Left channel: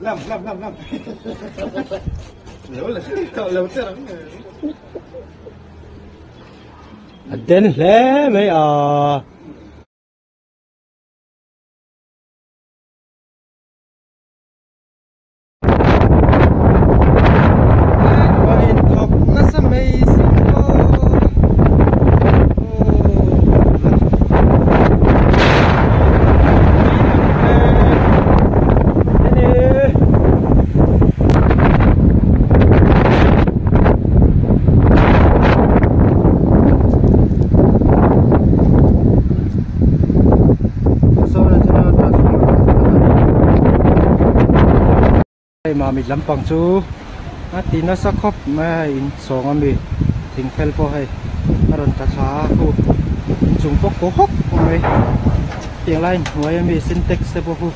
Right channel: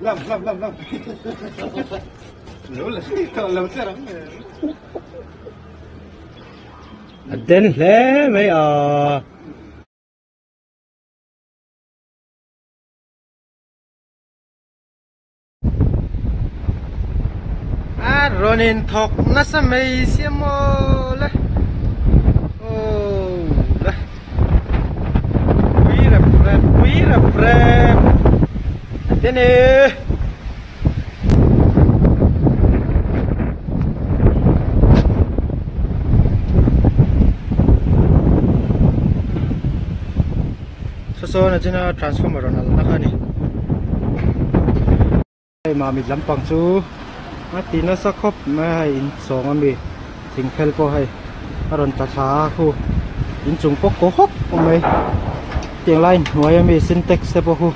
Lâm nếu là thợ lâu sẽ lắm đến lẽ bây giờ rồi nên thọc nó sẽ mấy xem đấy mỹ là thế này số này là transformer đây mà mình lắm bằng chú tí nó sắc khóc mà in song anh bị thình phèn po hay nó còn cả thá khu in chung bốc cố hốc không mấy tiếng line ngoài anh bị syntax sẽ po khu